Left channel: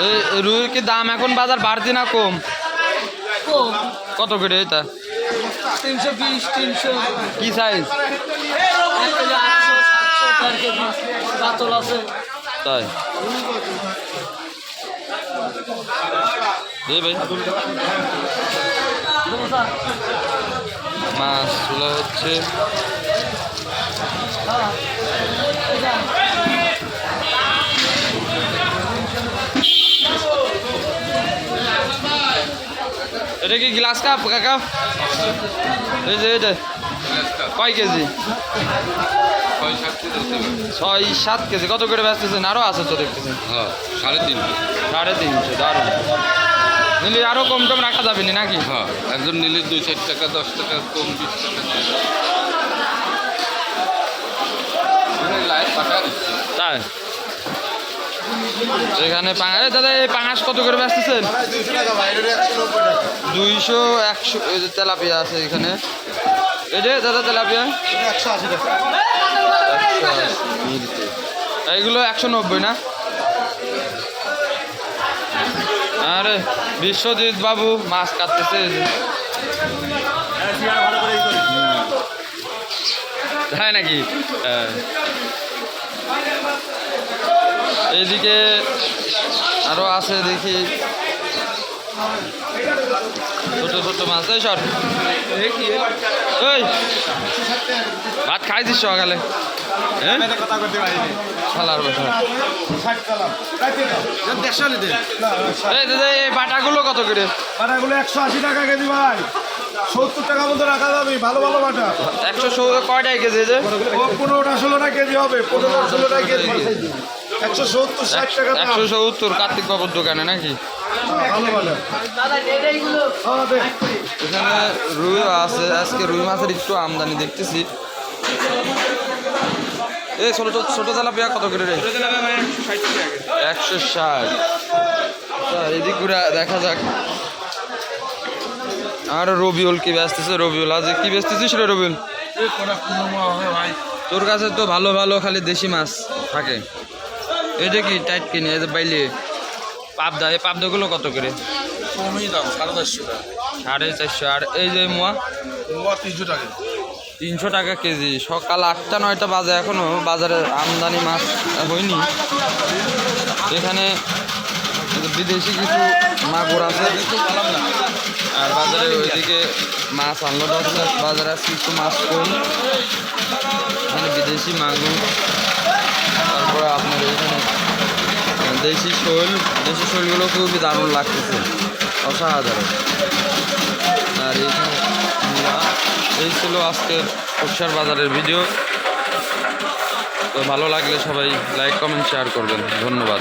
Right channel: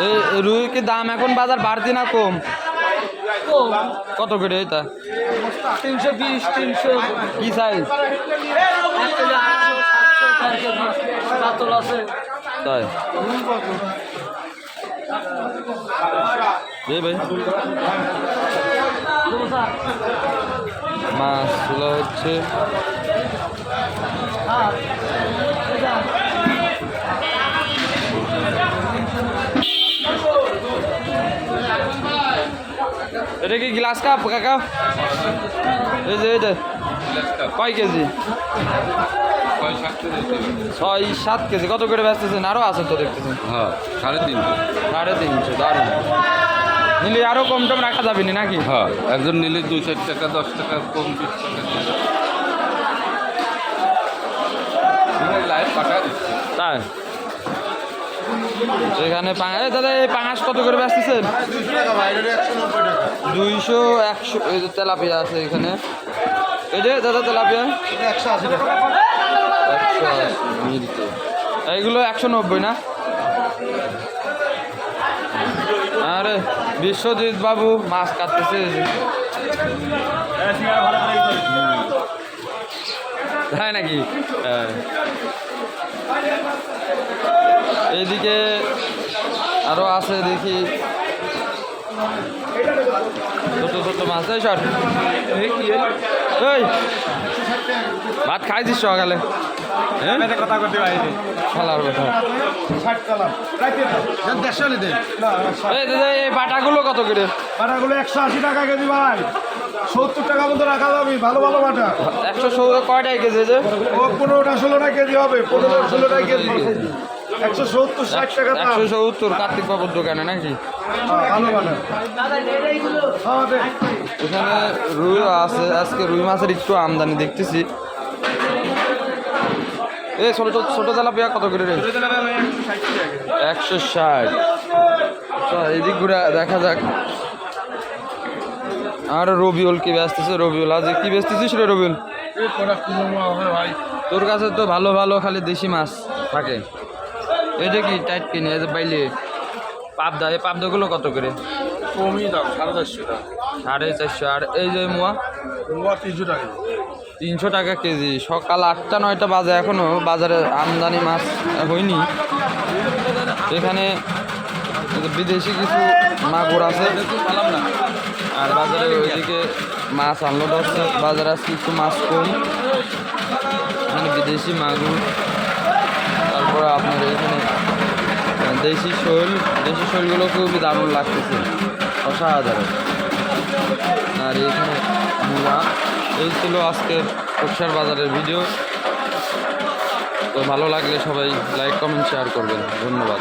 এই রুইর কি দাম এখন বাজার বাড়তি না কম? কত করে এটা? তিনশো বিশ তিনশো কি সাইজ তাই? ভাই। মাছগুলো হচ্ছে এটা কি গ্লাস কাপ কাকা? এই যে এটা কয় কেজি? ছয় সাত কেজি। কত করে বেচতেছেন? আরও আছে তো দেখতেছেন হ্যাঁ সাড়ে তিন সাড়ে তিনশো দারুণ। নিলে আরও কম টম রাখা যাবে না নাকি? হ্যাঁ একজন নিলে দুই চার টাকা দশ টাকা কম বিশ টাকা। তাই? এখানে পাঙাশ দাদা, এই পাঙাশ কত করে বেচতেছেন? দুইশো, একশো তেলাপিয়া আছে এখানে। যে দাদা তেলাপিয়া? একশো আশি। টাকা এইগুলো একশো নব্বই না? আরে, বিশ্বজিৎ বাবু মাছ কাটতেছে। তাই নাকি? এইদিকে আরও আছে দেখি। ছোট ছোট মাছ। এই সর। এই। ভাত খাইছিস সকালে? হ্যাঁ? খালার কথা। এই দাদা এই বাটাগুলো কত করে? বাটাগুলো একশো আশি টাকা কেজি ভাই সত্তর টাকা মতো রাখা যাবে ভালো ভালো বাটা একশো ষোলো কয়টাই কেজি যে পনেরোটা ষোলোটা কেজি হবে। পনেরো ষোলোটা কেজি। একশো সত্তর ষাট টাকা একশো সত্তর কার্তিক বাবুর দোকানে নাকি? হ্যাঁ, ভালো ভালো। হবে। এখানে রুই আছে আজকে রুই মাছের একটু আমদানি দেখতেছি। এই ছোট ছোট ছোট তেলাপিয়া কত করে রে? একশো ষাট। তো এদিক ঘুরে দেখা যাক। আর রবিউল কি বেচতেছে রবিউল আজ কি বেচতেছিস রে রবিউল? তোর কাছে তো ভালো ভালো খালি দেশি মাছ থাকে। এটা কি টাইট কিনে? যে বাইলে পাবদা এই পাবদাগুলো কত করে? কমই দাম সাড়ে চারশো টাকা। সাড়ে চারশো। আর এই যে মোয়া? মোয়া তিনশো টাকা। তিনশো টাকা কেজি। সকাল আটটা নয়টা বাজে এখনও। বাজারে আমদানি মাছ হয়নি। এখানে বিদেশি কিছু মাগুর আছে। আর বাজারে ওইদিকে মাছ আনলো বাজারে আছে কিছু মাছ কম। মানে বিদেশি মাগুর। দেশি শৈল, দেশি শৈলগুলো খুবই দারুণ লাগতেছে। অসাধারণ। আর মূলা, এই ছিল আজকের উৎসার বাজারের ভিডিও। তো ভালো লাগলে সবাই লাইক কমেন্ট শেয়ার করবেন। ধন্যবাদ।